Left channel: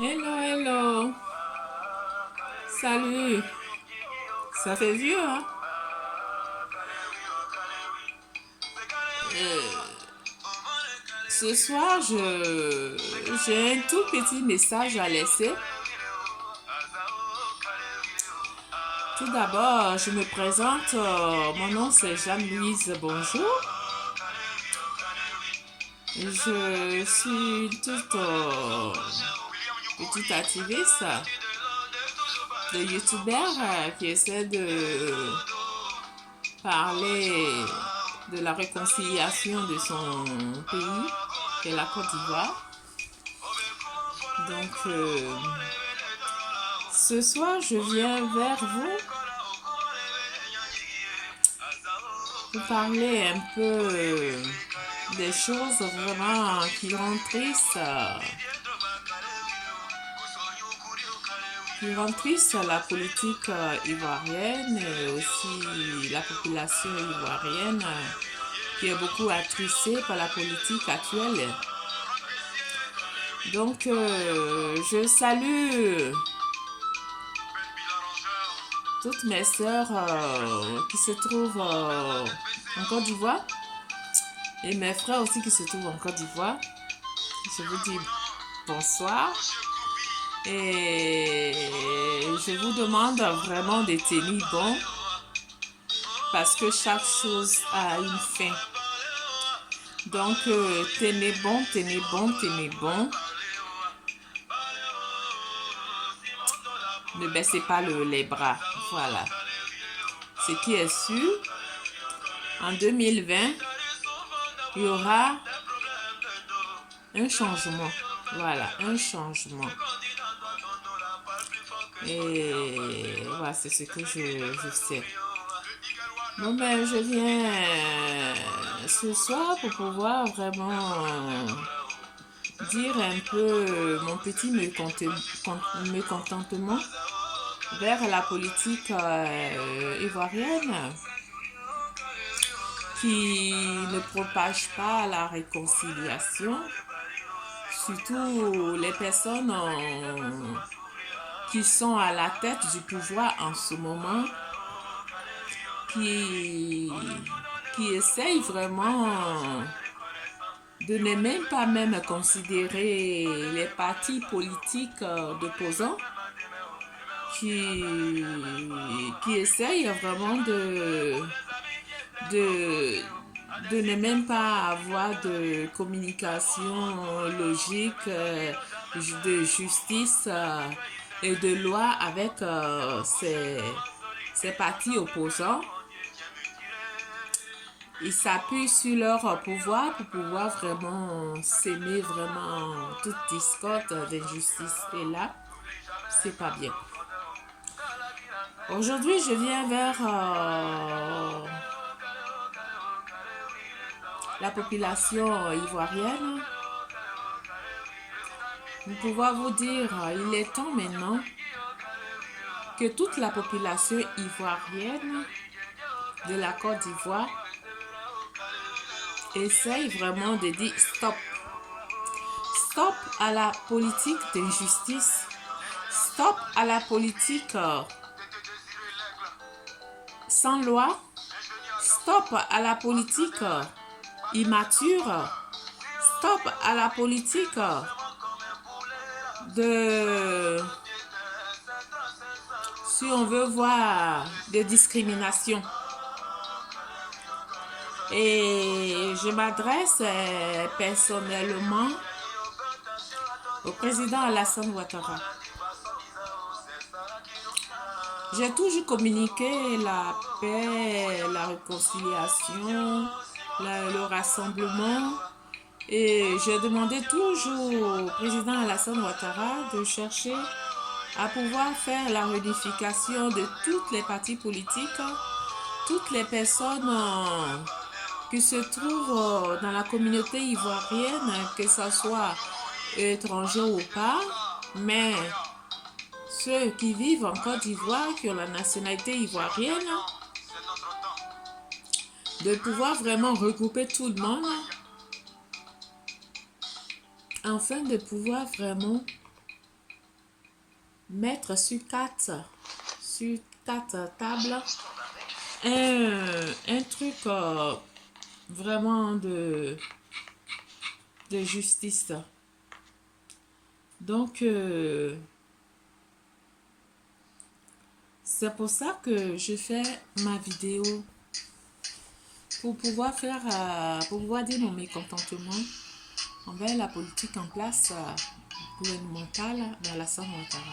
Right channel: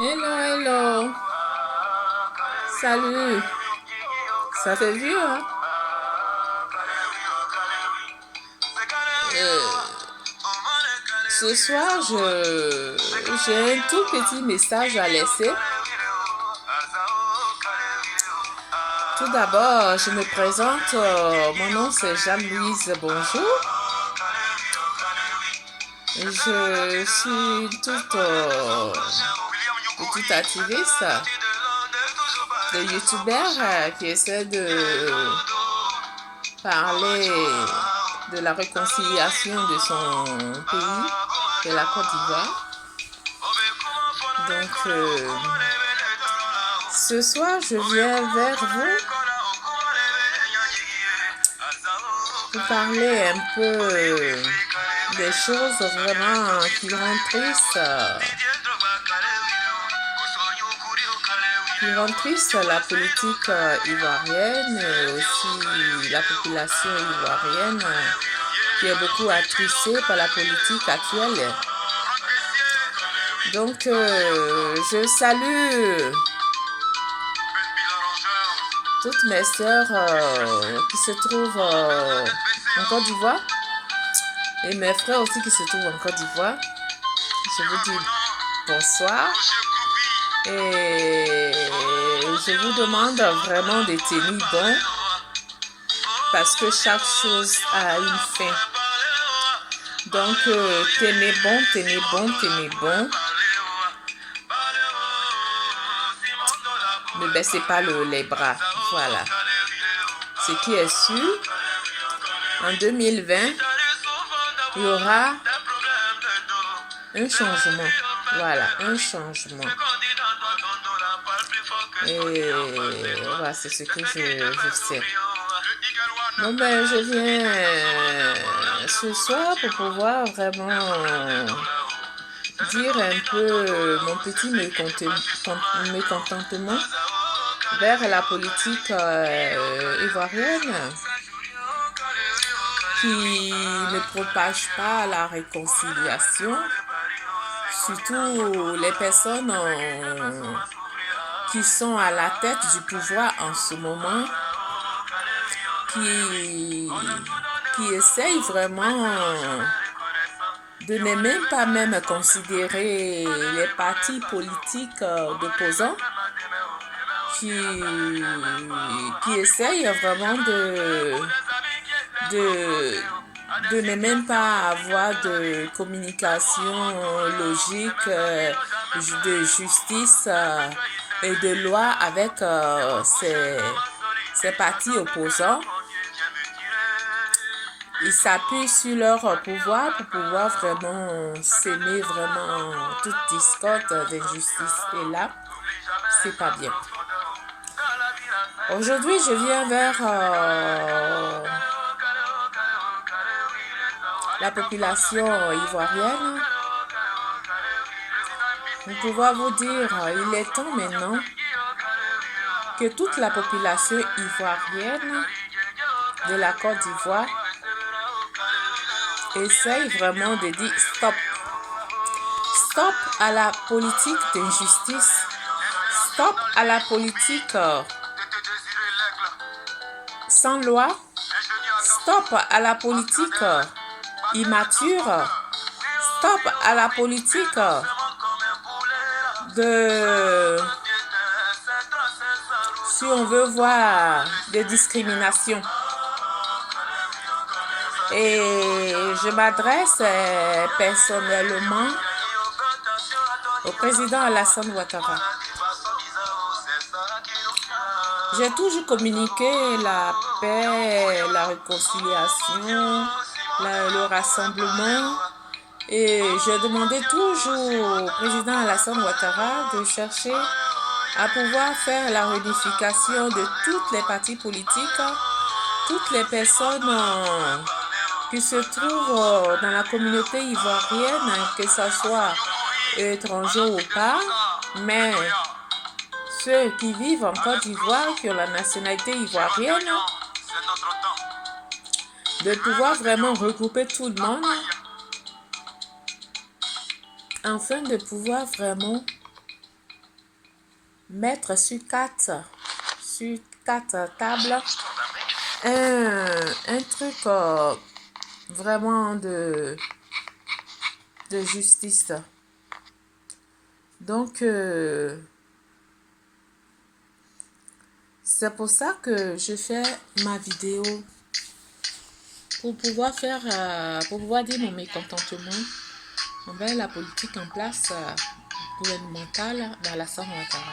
Hello, hello. Salut. Ça fait vieux, hein? Euh, Ce soir, j'ai un tout petit message à laisser. Tout d'abord, je me présente. Mon nom, c'est Jeanne-Louise. Bonjour. Je suis une petite activiste de youtubeur qui essaie de parler de la réconciliation de son pays, de la Côte d'Ivoire. Donc, ce soir, je viens vers vous pour parler un peu des choses vraiment qui rendent triste la politique ivoirienne et aussi la population ivoirienne qui est beaucoup attristée par la politique actuelle. Donc, je salue toutes mes sœurs qui se trouvent en Côte d'Ivoire et mes frères aussi qui se trouvent en Côte d'Ivoire. Je vous dis bonsoir et je vous demande vraiment de tenir bon parce que chaque chose a une fin. Donc, tenez bon, tenez bon, tenez bon. Ne baissez pas les bras. Voilà. Ce qui est sûr, en 2020, il y aura un changement. Voilà, un changement. Et voilà, c'est ce que je sais. Bon, ben, je viens ce soir pour pouvoir vraiment dire un peu mon petit mécontentement vers la politique ivoirienne qui ne propage pas la réconciliation, surtout les personnes qui sont à la tête du pouvoir en ce moment, qui essayent vraiment de ne même pas considérer les partis politiques d'opposants, qui essayent vraiment de ne même pas avoir de communication logique, de justice et de loi avec ces partis opposants. Ils s'appuient sur leur pouvoir pour pouvoir vraiment s'aimer vraiment toute discorde d'injustice. Et là, c'est pas bien. Aujourd'hui, je viens vers la population ivoirienne. Pour pouvoir vous dire, il est temps maintenant que toute la population ivoirienne de la Côte d'Ivoire essaye vraiment de dire stop. Stop à la politique d'injustice. Stop à la politique sans loi. Stop à la politique immature. Stop à la politique si on veut voir, de discrimination. Et je m'adresse personnellement au président Alassane Ouattara. J'ai toujours communiqué la paix, la réconciliation, le rassemblement. Et je demandais toujours au président Alassane Ouattara de chercher à pouvoir faire la réunification de toutes les partis politiques, toutes les personnes qui se trouvent dans la communauté ivoirienne, que ce soit étrangers ou pas, mais ceux qui vivent en Côte d'Ivoire, qui ont la nationalité ivoirienne, de pouvoir vraiment regrouper tout le monde afin de pouvoir vraiment mettre sur quatre tables un truc vraiment de justice. Donc, c'est pour ça que je fais ma vidéo pour pouvoir pour pouvoir dire mon mécontentement envers la politique en place gouvernementale d'Alassane Ouattara.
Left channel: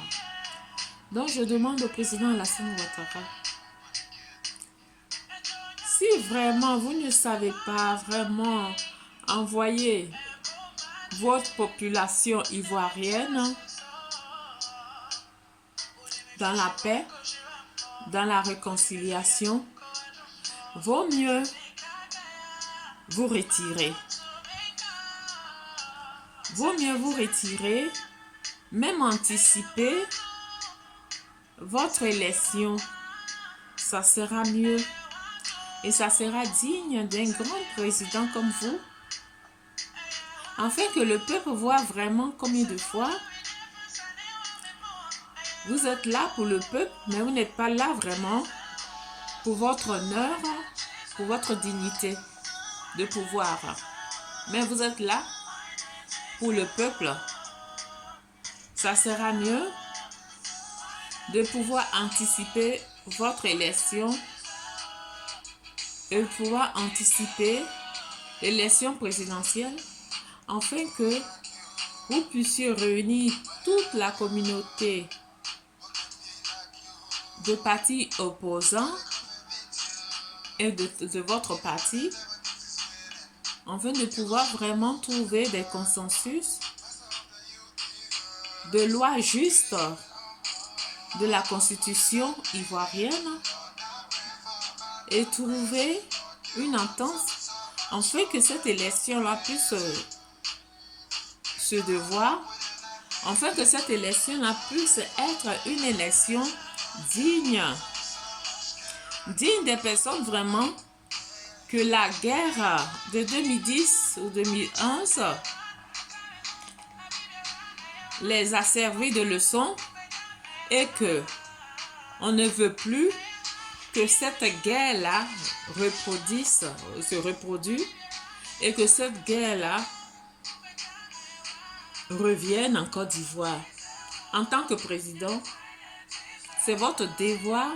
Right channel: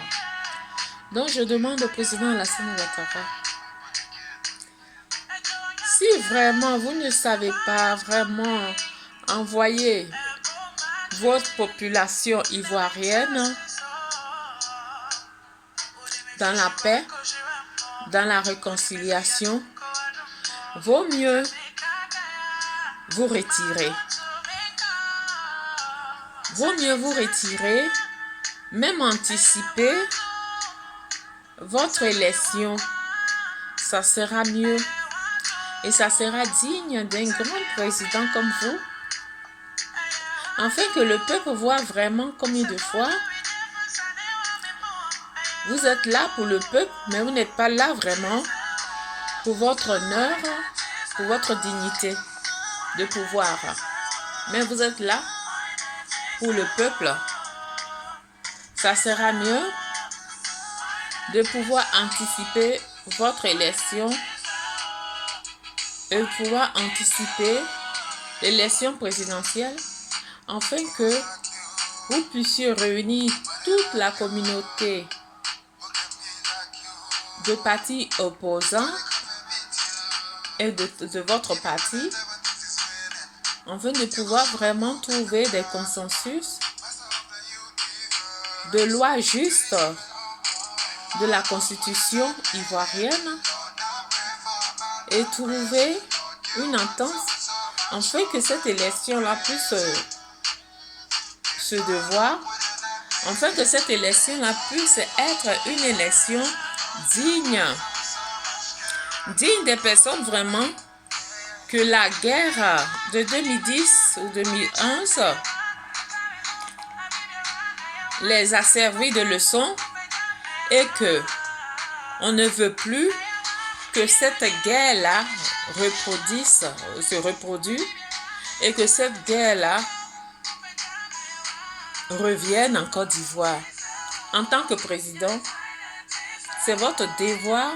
Donc, je demande au président Alassane Ouattara, si vraiment vous ne savez pas vraiment envoyer votre population ivoirienne dans la paix, dans la réconciliation, vaut mieux vous retirer. Vaut mieux vous retirer, même anticiper votre élection. Ça sera mieux. Et ça sera digne d'un grand président comme vous. Afin que le peuple voit vraiment combien de fois vous êtes là pour le peuple, mais vous n'êtes pas là vraiment pour votre honneur, pour votre dignité de pouvoir. Mais vous êtes là pour le peuple. Ça sera mieux de pouvoir anticiper votre élection et de pouvoir anticiper l'élection présidentielle afin que vous puissiez réunir toute la communauté de partis opposants et de votre parti afin de pouvoir vraiment trouver des consensus de lois justes de la constitution ivoirienne et trouver une entente afin que cette élection-là puisse se devoir, afin que cette élection-là puisse être une élection digne des personnes vraiment que la guerre de 2010 ou 2011 les a servi de leçon et que on ne veut plus que cette guerre-là se reproduise et que cette guerre-là revienne en Côte d'Ivoire. En tant que président, c'est votre devoir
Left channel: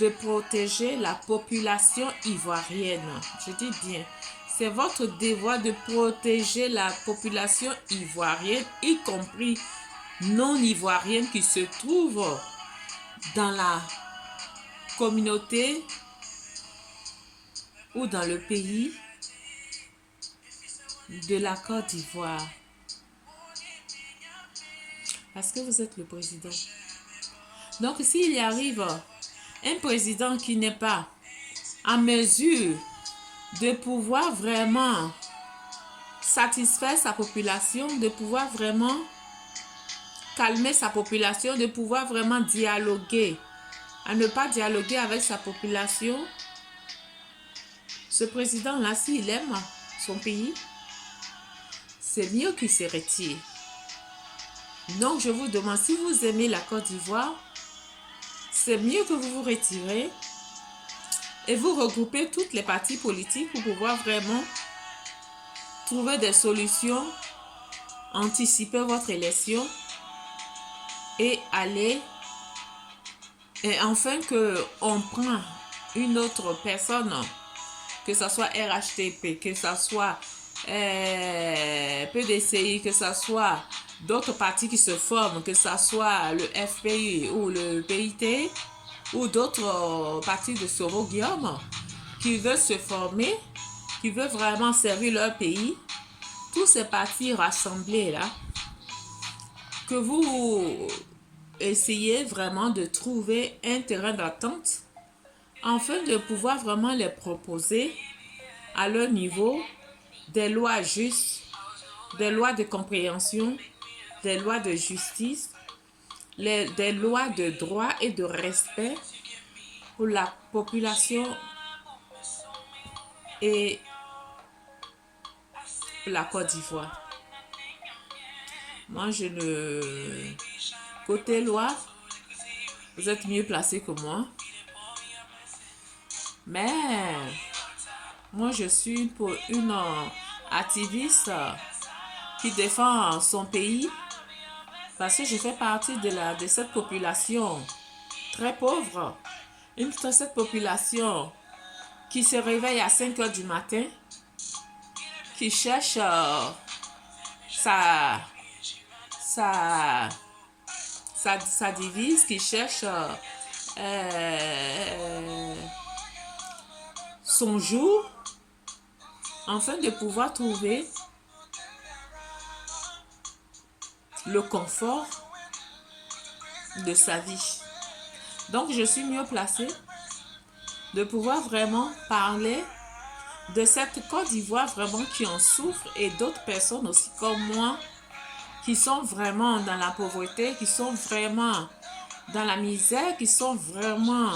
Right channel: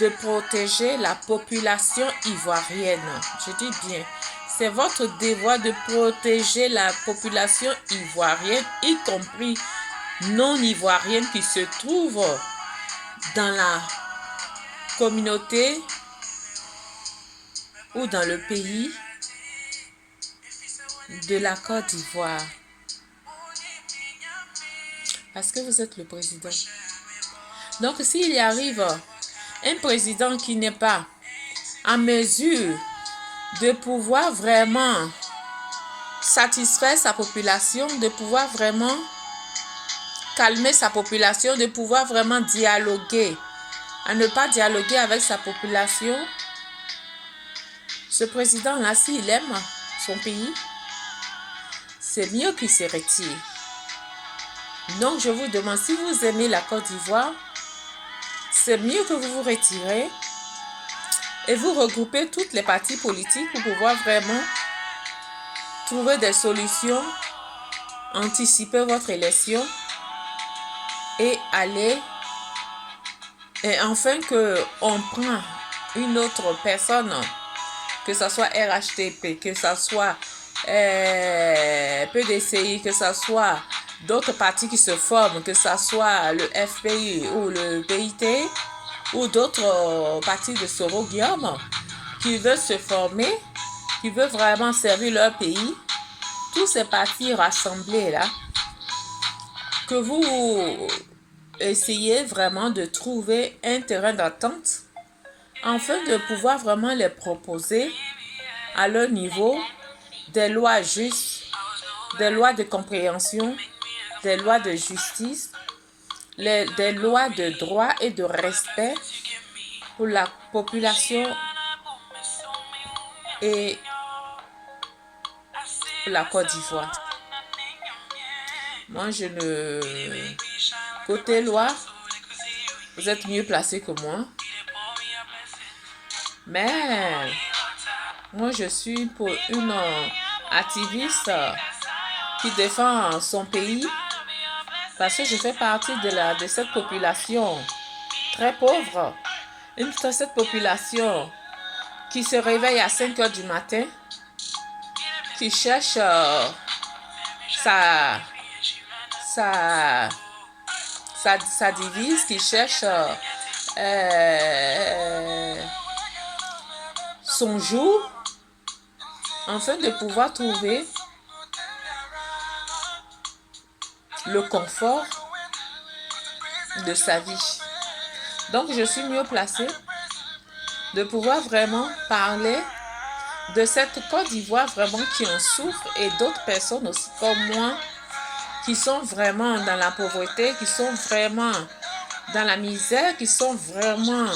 de protéger la population ivoirienne. Je dis bien, c'est votre devoir de protéger la population ivoirienne, y compris non ivoirienne qui se trouve dans la communauté ou dans le pays de la Côte d'Ivoire. Parce que vous êtes le président. Donc, s'il y arrive un président qui n'est pas en mesure de pouvoir vraiment satisfaire sa population, de pouvoir vraiment calmer sa population, de pouvoir vraiment dialoguer, à ne pas dialoguer avec sa population, ce président-là, s'il aime son pays, c'est mieux qu'il se retire. Donc, je vous demande, si vous aimez la Côte d'Ivoire, c'est mieux que vous vous retirez et vous regroupez toutes les partis politiques pour pouvoir vraiment trouver des solutions, anticiper votre élection et aller, et enfin qu'on prend une autre personne, que ce soit RHTP, que ce soit PDCI, que ce soit d'autres partis qui se forment, que ce soit le FPI ou le PIT ou d'autres partis de Soro Guillaume qui veulent se former, qui veulent vraiment servir leur pays, tous ces partis rassemblés là, que vous essayez vraiment de trouver un terrain d'entente afin de pouvoir vraiment les proposer à leur niveau des lois justes, des lois de compréhension, des lois de justice, des lois de droit et de respect pour la population et pour la Côte d'Ivoire. Moi, je ne Côté Loire, vous êtes mieux placé que moi. Mais moi, je suis pour une activiste qui défend son pays parce que je fais partie de cette population très pauvre. Cette population qui se réveille à 5 heures du matin, qui cherche sa, sa, sa devise, qui cherche son jour, afin de pouvoir trouver le confort de sa vie. Donc, je suis mieux placée de pouvoir vraiment parler de cette Côte d'Ivoire vraiment qui en souffre et d'autres personnes aussi comme moi qui sont vraiment dans la pauvreté, qui sont vraiment dans la misère, qui sont vraiment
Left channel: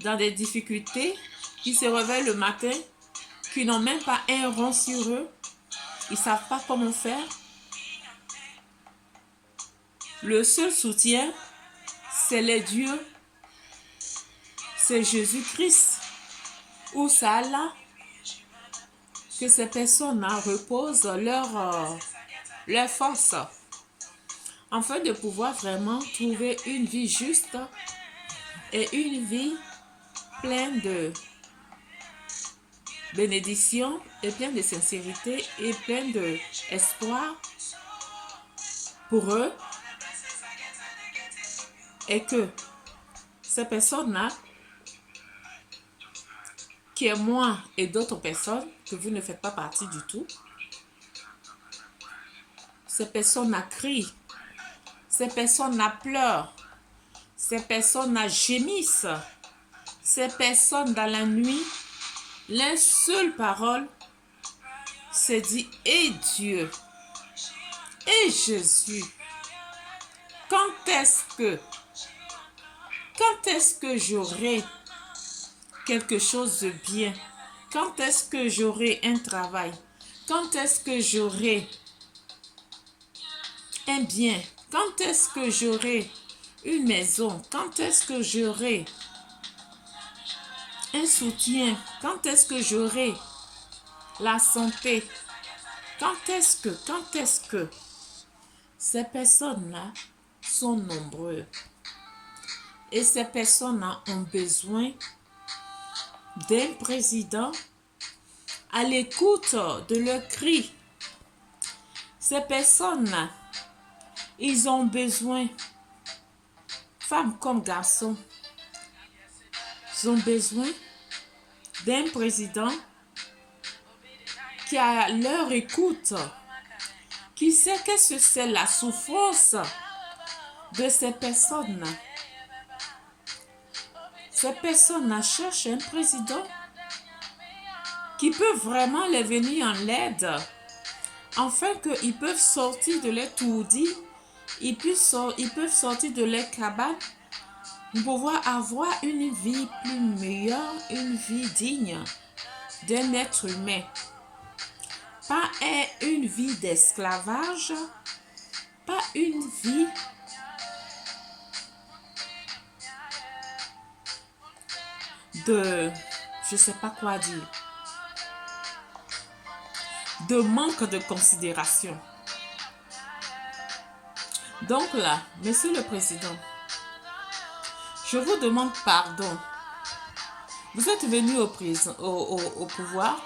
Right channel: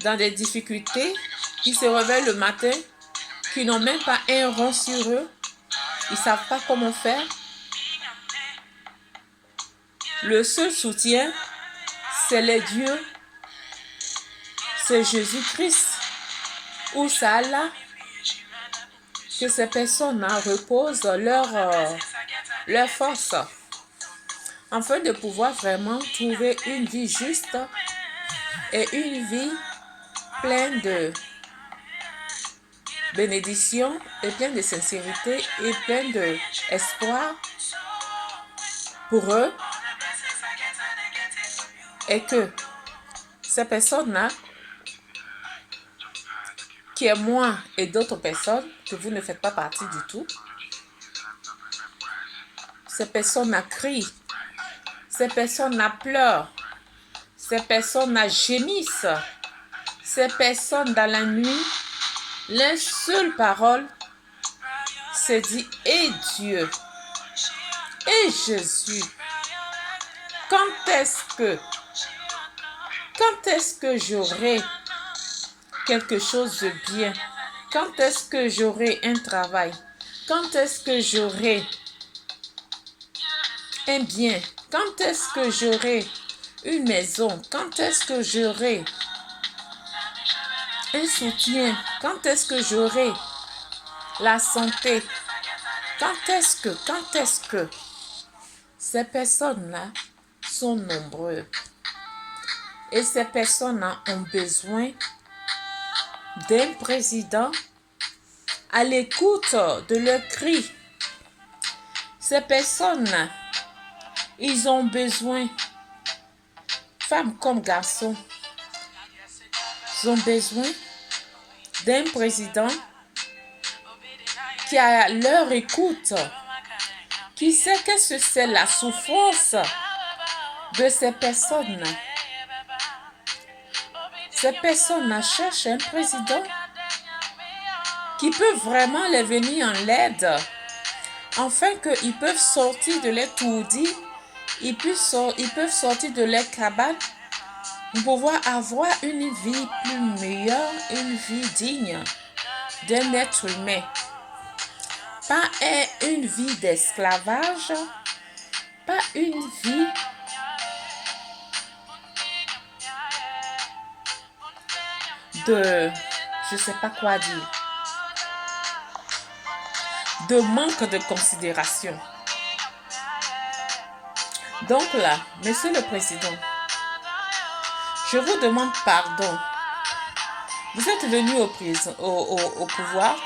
dans des difficultés, qui se réveillent le matin, qui n'ont même pas un rond sur eux, ils ne savent pas comment faire. Le seul soutien, c'est les dieux, c'est Jésus-Christ ou c'est Allah, que ces personnes-là reposent leur force afin de pouvoir vraiment trouver une vie juste et une vie pleine de bénédiction et pleine de sincérité et pleine d'espoir pour eux, et que ces personnes-là, qui est moi et d'autres personnes, que vous ne faites pas partie du tout, ces personnes-là crient, ces personnes-là pleurent, ces personnes-là gémissent, ces personnes dans la nuit, la seule parole se dit « Et Dieu, et Jésus, quand est-ce que j'aurai quelque chose de bien? Quand est-ce que j'aurai un travail? Quand est-ce que j'aurai un bien? Quand est-ce que j'aurai une maison? Quand est-ce que j'aurai un soutien? Quand est-ce que j'aurai la santé? Quand est-ce que ces personnes-là sont nombreuses et ces personnes-là ont besoin d'un président à l'écoute de leurs cris. Ces personnes-là, ils ont besoin, femmes comme garçons, ils ont besoin d'un président qui a leur écoute, qui sait qu'est-ce que c'est la souffrance de ces personnes. Ces personnes cherchent un président qui peut vraiment les venir en l'aide, afin qu'ils peuvent sortir de leur tourdis, ils peuvent sortir de leur cabane pour pouvoir avoir une vie plus meilleure, une vie digne d'un être humain. Pas une vie d'esclavage, pas une vie de, je ne sais pas quoi dire, de manque de considération. Donc là, Monsieur le Président, je vous demande pardon. Vous êtes venu au pouvoir.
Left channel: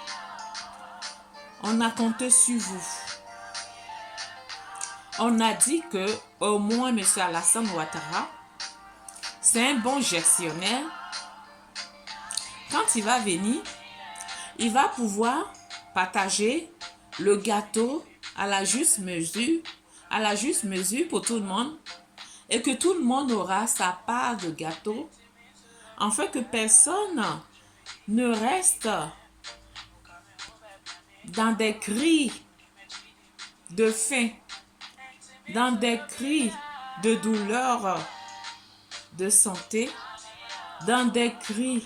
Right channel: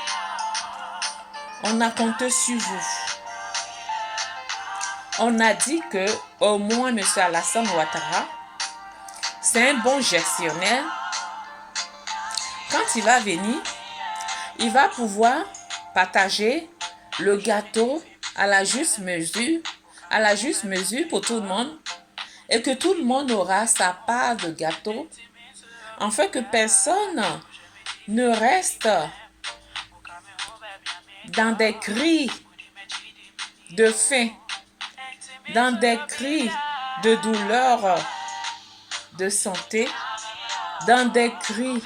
On a compté sur vous. On a dit que au moins M. Alassane Ouattara, c'est un bon gestionnaire. Quand il va venir, il va pouvoir partager le gâteau à la juste mesure pour tout le monde, et que tout le monde aura sa part de gâteau, afin que personne ne reste dans des cris de faim, dans des cris de douleur de santé, dans des cris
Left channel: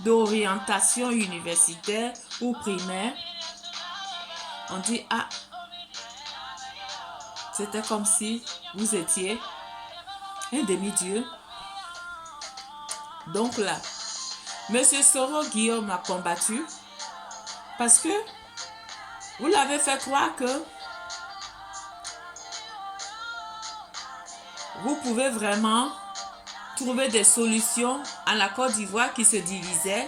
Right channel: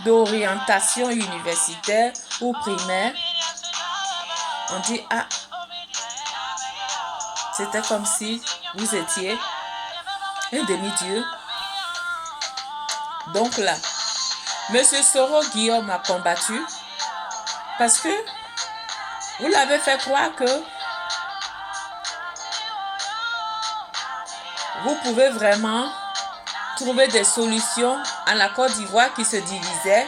d'orientation universitaire ou primaire. On dit, ah, C'était comme si vous étiez un demi-dieu. Donc là, Monsieur Soro Guillaume a combattu parce que vous l'avez fait croire que vous pouvez vraiment trouver des solutions à la Côte d'Ivoire qui se divisait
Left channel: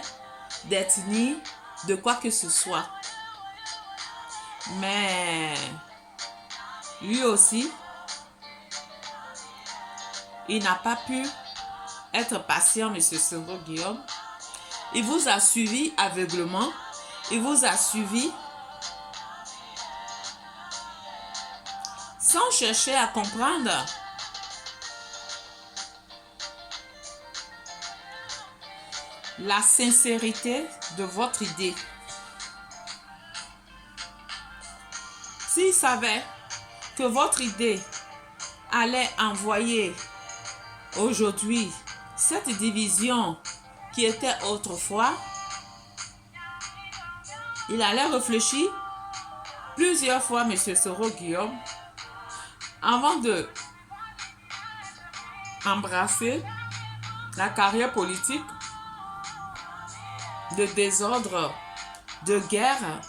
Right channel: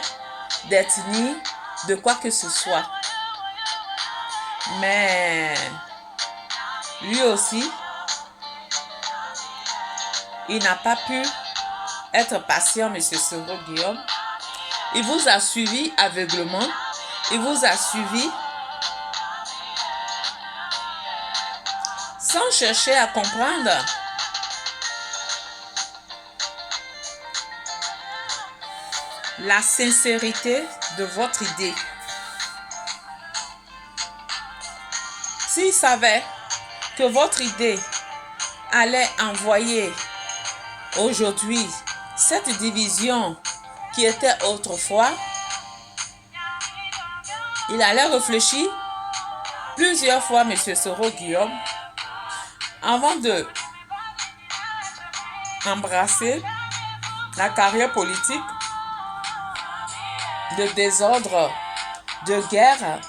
d'ethnie, de quoi que ce soit. Mais lui aussi, il n'a pas pu être patient, M. Soro Guillaume. Il vous a suivi aveuglement. Il vous a suivi sans chercher à comprendre la sincérité de votre idée. S'il savait que votre idée allait envoyer aujourd'hui cette division qui était autrefois, il allait réfléchir plusieurs fois, M. Soro Guillaume, avant de embrasser la carrière politique de désordre, de guerre,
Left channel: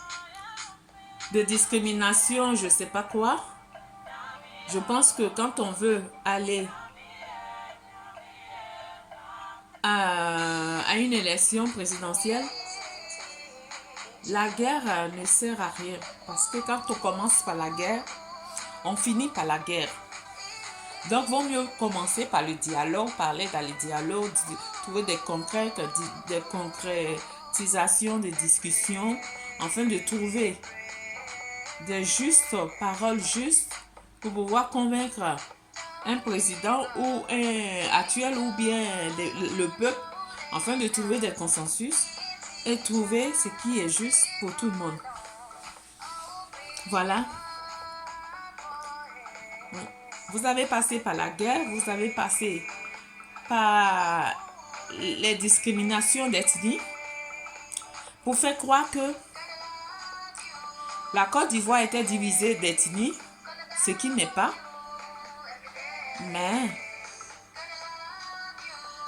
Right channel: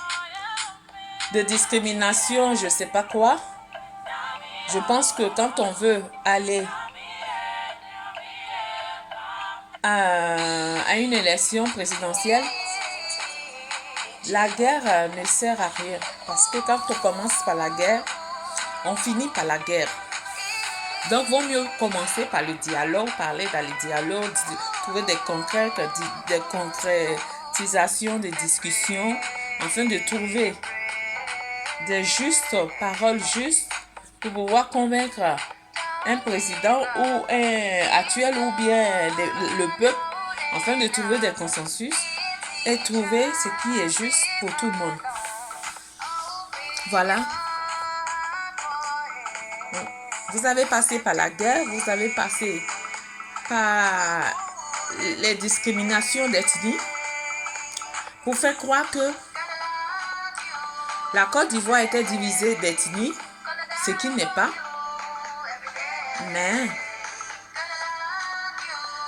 de discrimination, je ne sais pas quoi. Je pense que quand on veut aller à une élection présidentielle, la guerre ne sert à rien. Parce que quand on commence par la guerre, on finit par la guerre. Donc, il vaut mieux commencer par le dialogue, parler dans le dialogue, trouver des concrétisations, des discussions, afin de trouver des justes paroles justes pour pouvoir convaincre un président ou un actuel ou bien le peuple, afin de trouver des consensus et trouver ce qui est juste pour tout le monde. Voilà. Vous avez passé par la guerre, vous avez passé par les discriminations d'ethnie pour faire croire que la Côte d'Ivoire était divisée d'ethnie, ce qui n'est pas. Mais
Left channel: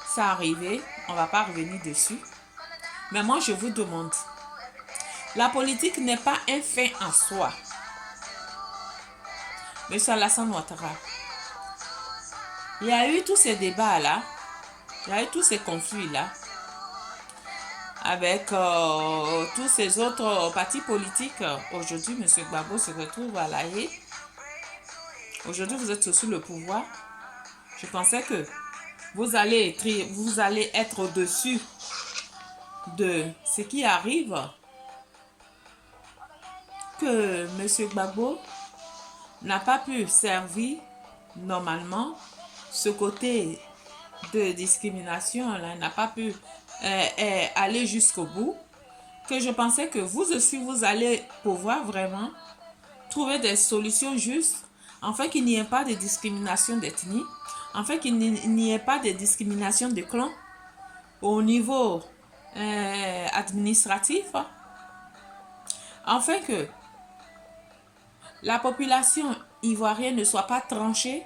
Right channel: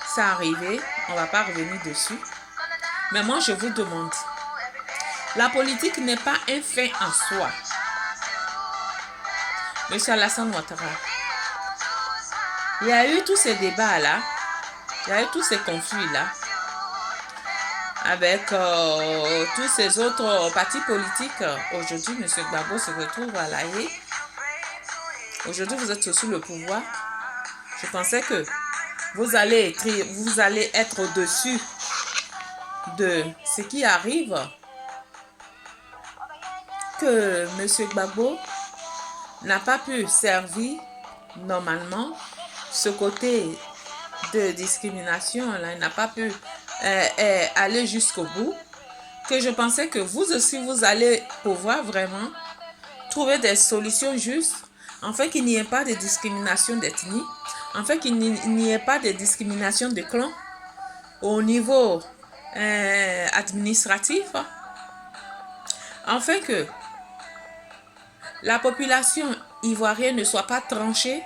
ça arrivé, on ne va pas revenir dessus. Mais moi, je vous demande, la politique n'est pas un fait en soi. Monsieur Alassane Ouattara, il y a eu tous ces débats-là, il y a eu tous ces conflits-là, avec tous ces autres partis politiques. Aujourd'hui, M. Gbagbo se retrouve à La Haye. Aujourd'hui, vous êtes sous le pouvoir. Je pensais que vous allez être au-dessus de ce qui arrive, que M. Gbagbo n'a pas pu servir normalement ce côté de discrimination, là, il n'a pas pu aller jusqu'au bout, que je pensais que vous aussi, vous allez pouvoir vraiment trouver des solutions justes, afin qu'il n'y ait pas de discrimination d'ethnie, afin qu'il n'y ait pas de discrimination de clan au niveau administratif, afin que la population ivoirienne ne soit pas tranchée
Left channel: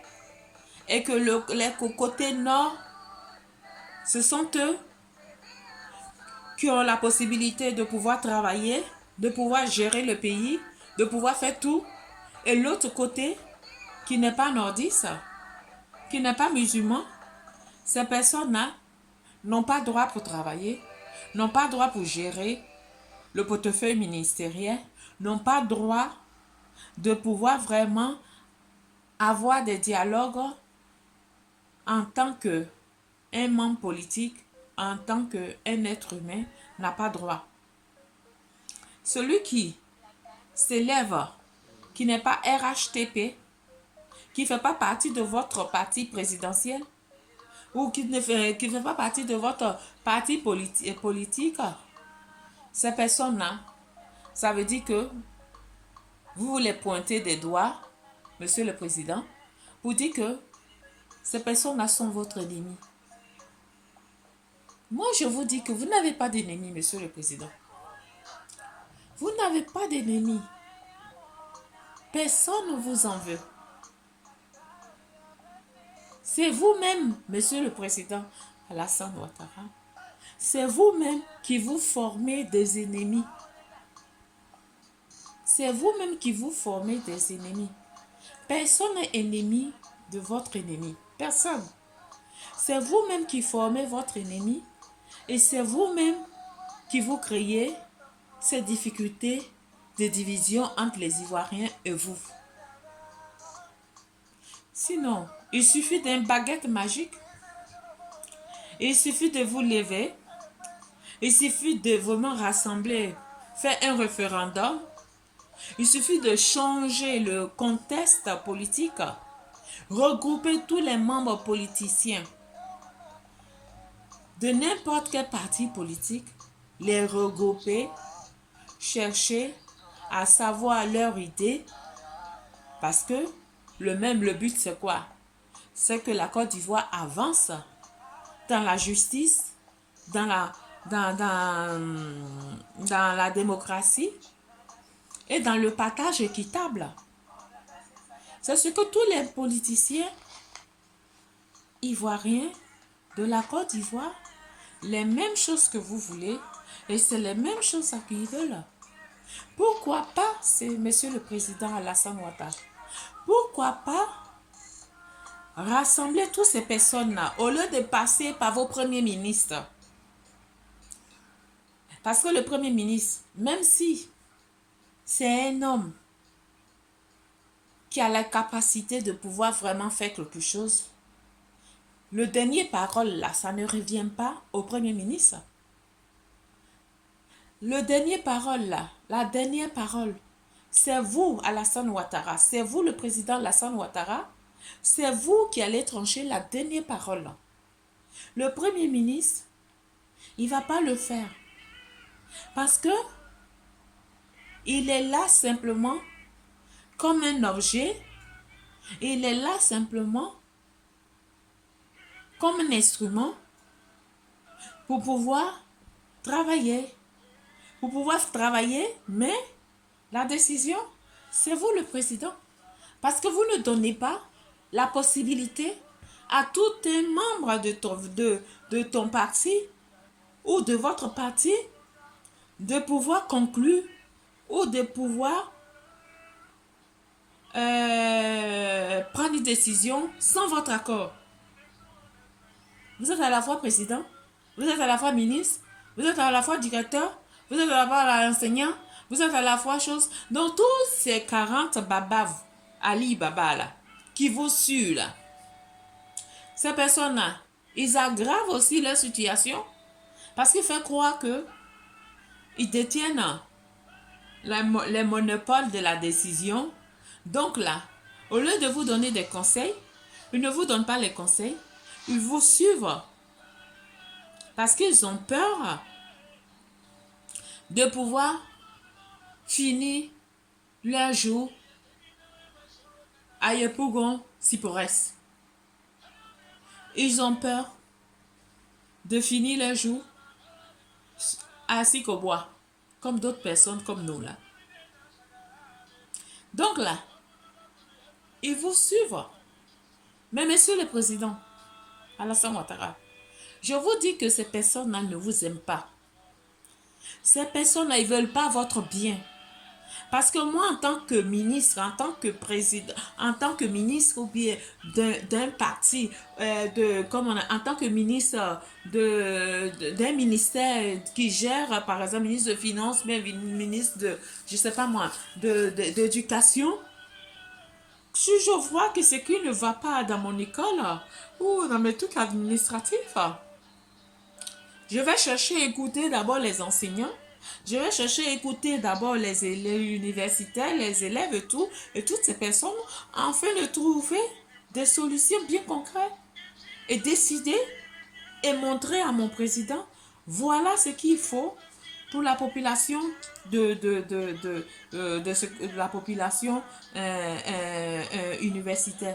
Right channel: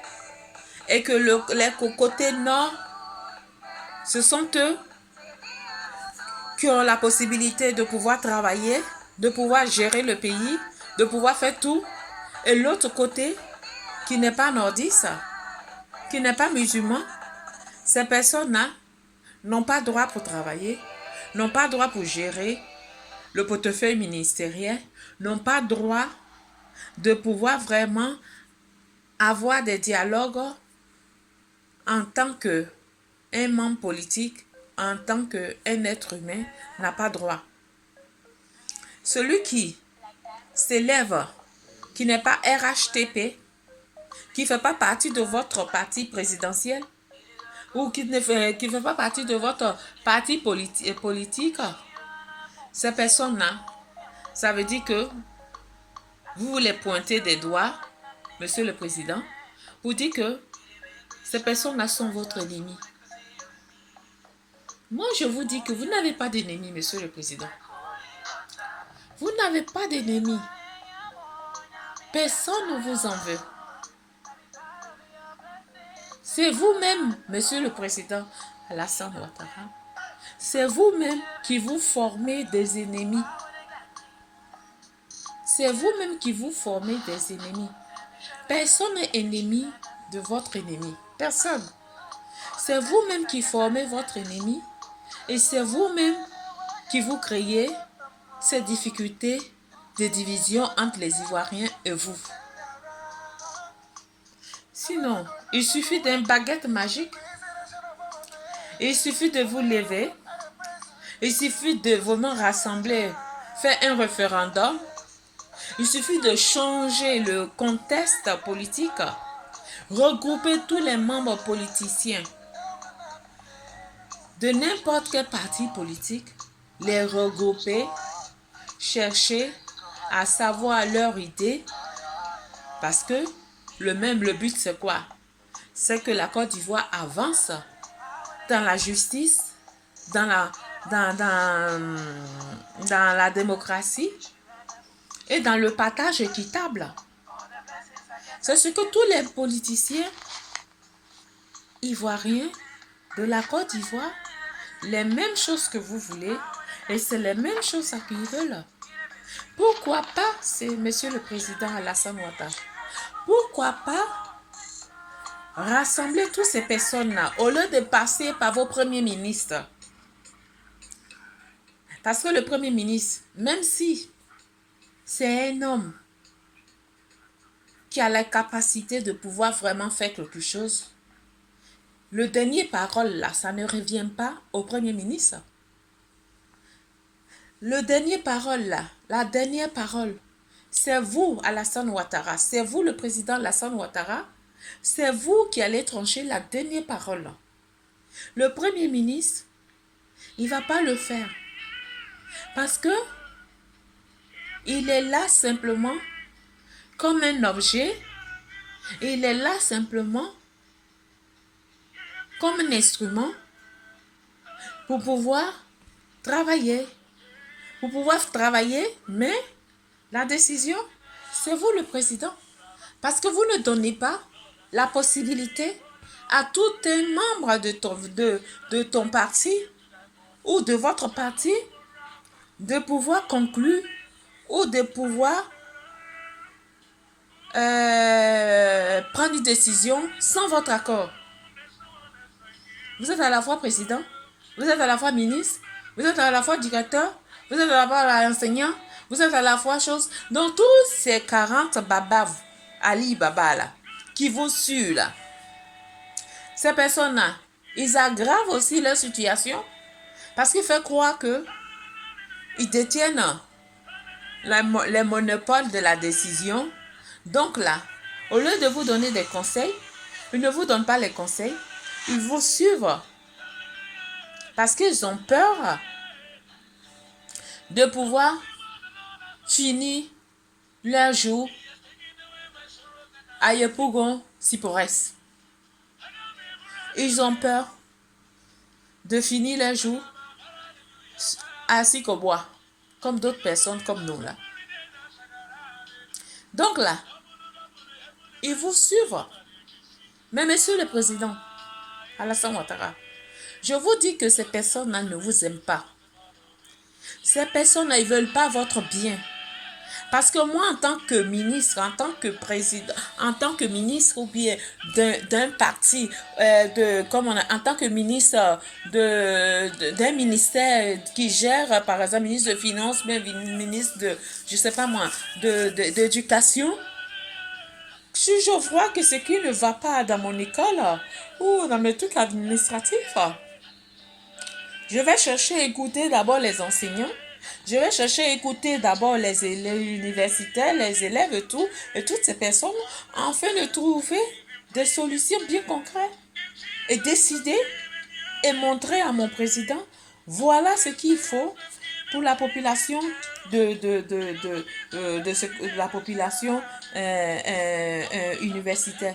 et que les côtés nord, ce sont eux qui ont la possibilité de pouvoir travailler, de pouvoir gérer le pays, de pouvoir faire tout. Et l'autre côté, qui n'est pas nordiste, qui n'est pas musulman, ces personnes-là n'ont pas droit pour travailler, n'ont pas droit pour gérer le portefeuille ministériel, n'ont pas droit de pouvoir vraiment avoir des dialogues en tant qu'un membre politique, en tant qu'un être humain, n'a pas droit. Celui qui s'élève, qui n'est pas RHTP, qui ne fait pas partie de votre parti présidentiel, ou qui ne fait pas partie de votre parti politique, ces personnes-là, ça veut dire que vous voulez pointer des doigts, Monsieur le Président, pour dire que ces personnes-là sont votre ennemi. Moi, je vous dis que vous n'avez pas d'ennemi, Monsieur le Président. Vous n'avez pas d'ennemi. Personne ne vous en veut. C'est vous-même, Monsieur le Président Alassane Ouattara. C'est vous-même qui vous formez des ennemis. C'est vous-même qui vous formez des ennemis. Personne n'est ennemi de votre ennemi. Personne. C'est vous-même qui formez votre ennemi et c'est vous-même qui vous créez ces difficultés de division entre les Ivoiriens et vous. Sinon, il suffit d'une baguette magique. Il suffit de vous lever. Il suffit de vraiment rassembler, faire un référendum. Il suffit de changer le contexte politique, regrouper tous les membres politiciens de n'importe quel parti politique, les regrouper, chercher à savoir leur idée, parce que le but c'est quoi? C'est que la Côte d'Ivoire avance dans la justice, dans la démocratie et dans le partage équitable. C'est ce que tous les politiciens ivoiriens de la Côte d'Ivoire, les mêmes choses que vous voulez, et c'est les mêmes choses qu'ils veulent. Pourquoi pas, c'est Monsieur le Président Alassane Ouattara, pourquoi pas rassembler toutes ces personnes-là au lieu de passer par vos premiers ministres? Parce que le Premier ministre, même si c'est un homme qui a la capacité de pouvoir vraiment faire quelque chose, le dernier parole là, ça ne revient pas au Premier ministre. Le dernier parole là, la dernière parole, c'est vous, Alassane Ouattara, c'est vous le président Alassane Ouattara, c'est vous qui allez trancher la dernière parole. Le Premier ministre, il ne va pas le faire. Parce que il est là simplement comme un objet. Il est là simplement comme un instrument pour pouvoir travailler. Pour pouvoir travailler, mais la décision, c'est vous le président. Parce que vous ne donnez pas la possibilité à tout un membre de ton parti ou de votre parti de pouvoir conclure ou de pouvoir prendre une décision sans votre accord. Vous êtes à la fois président, vous êtes à la fois ministre, vous êtes à la fois directeur, vous êtes à la fois enseignant, vous êtes à la fois chose. Donc tous ces 40 babas, Ali Baba là, qui vous suivent là, ces personnes-là, ils aggravent aussi leur situation parce qu'ils font croire que ils détiennent les monopoles de la décision. Donc là, au lieu de vous donner des conseils, ils ne vous donnent pas les conseils, ils vous suivent parce qu'ils ont peur de pouvoir finir leur jour à Yepougon Sipores. Ils ont peur de finir leur jour à Sikobois, comme d'autres personnes comme nous là. Donc là, ils vous suivent. Mais Monsieur le Président Alassane Ouattara, je vous dis que ces personnes-là ne vous aiment pas. Ces personnes-là, ils ne veulent pas votre bien. Parce que moi, en tant que ministre, en tant que président, en tant que ministre ou bien d'un parti, en tant que ministre d'un ministère qui gère, par exemple, ministre de Finances, mais ministre de, je ne sais pas moi, d'éducation, si je vois que ce qui ne va pas dans mon école ou dans mes trucs administratifs, je vais chercher à écouter d'abord les enseignants. Je vais chercher à écouter d'abord les élèves universitaires, les élèves et tout, et toutes ces personnes, afin de trouver des solutions bien concrètes et décider et montrer à mon président, voilà ce qu'il faut pour la population la population universitaire,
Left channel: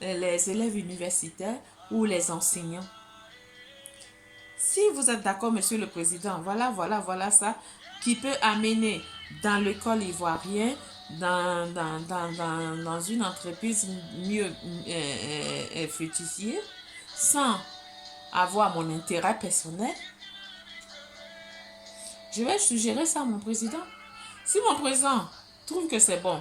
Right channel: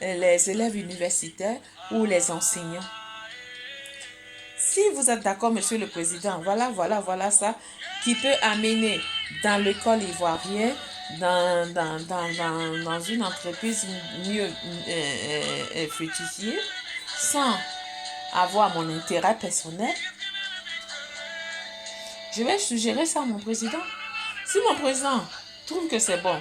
les élèves universitaires ou les enseignants. Si vous êtes d'accord, Monsieur le Président, voilà ça qui peut amener dans l'école ivoirienne dans une entreprise mieux fructifiée sans avoir mon intérêt personnel, je vais suggérer ça à mon président. Si mon président trouve que c'est bon,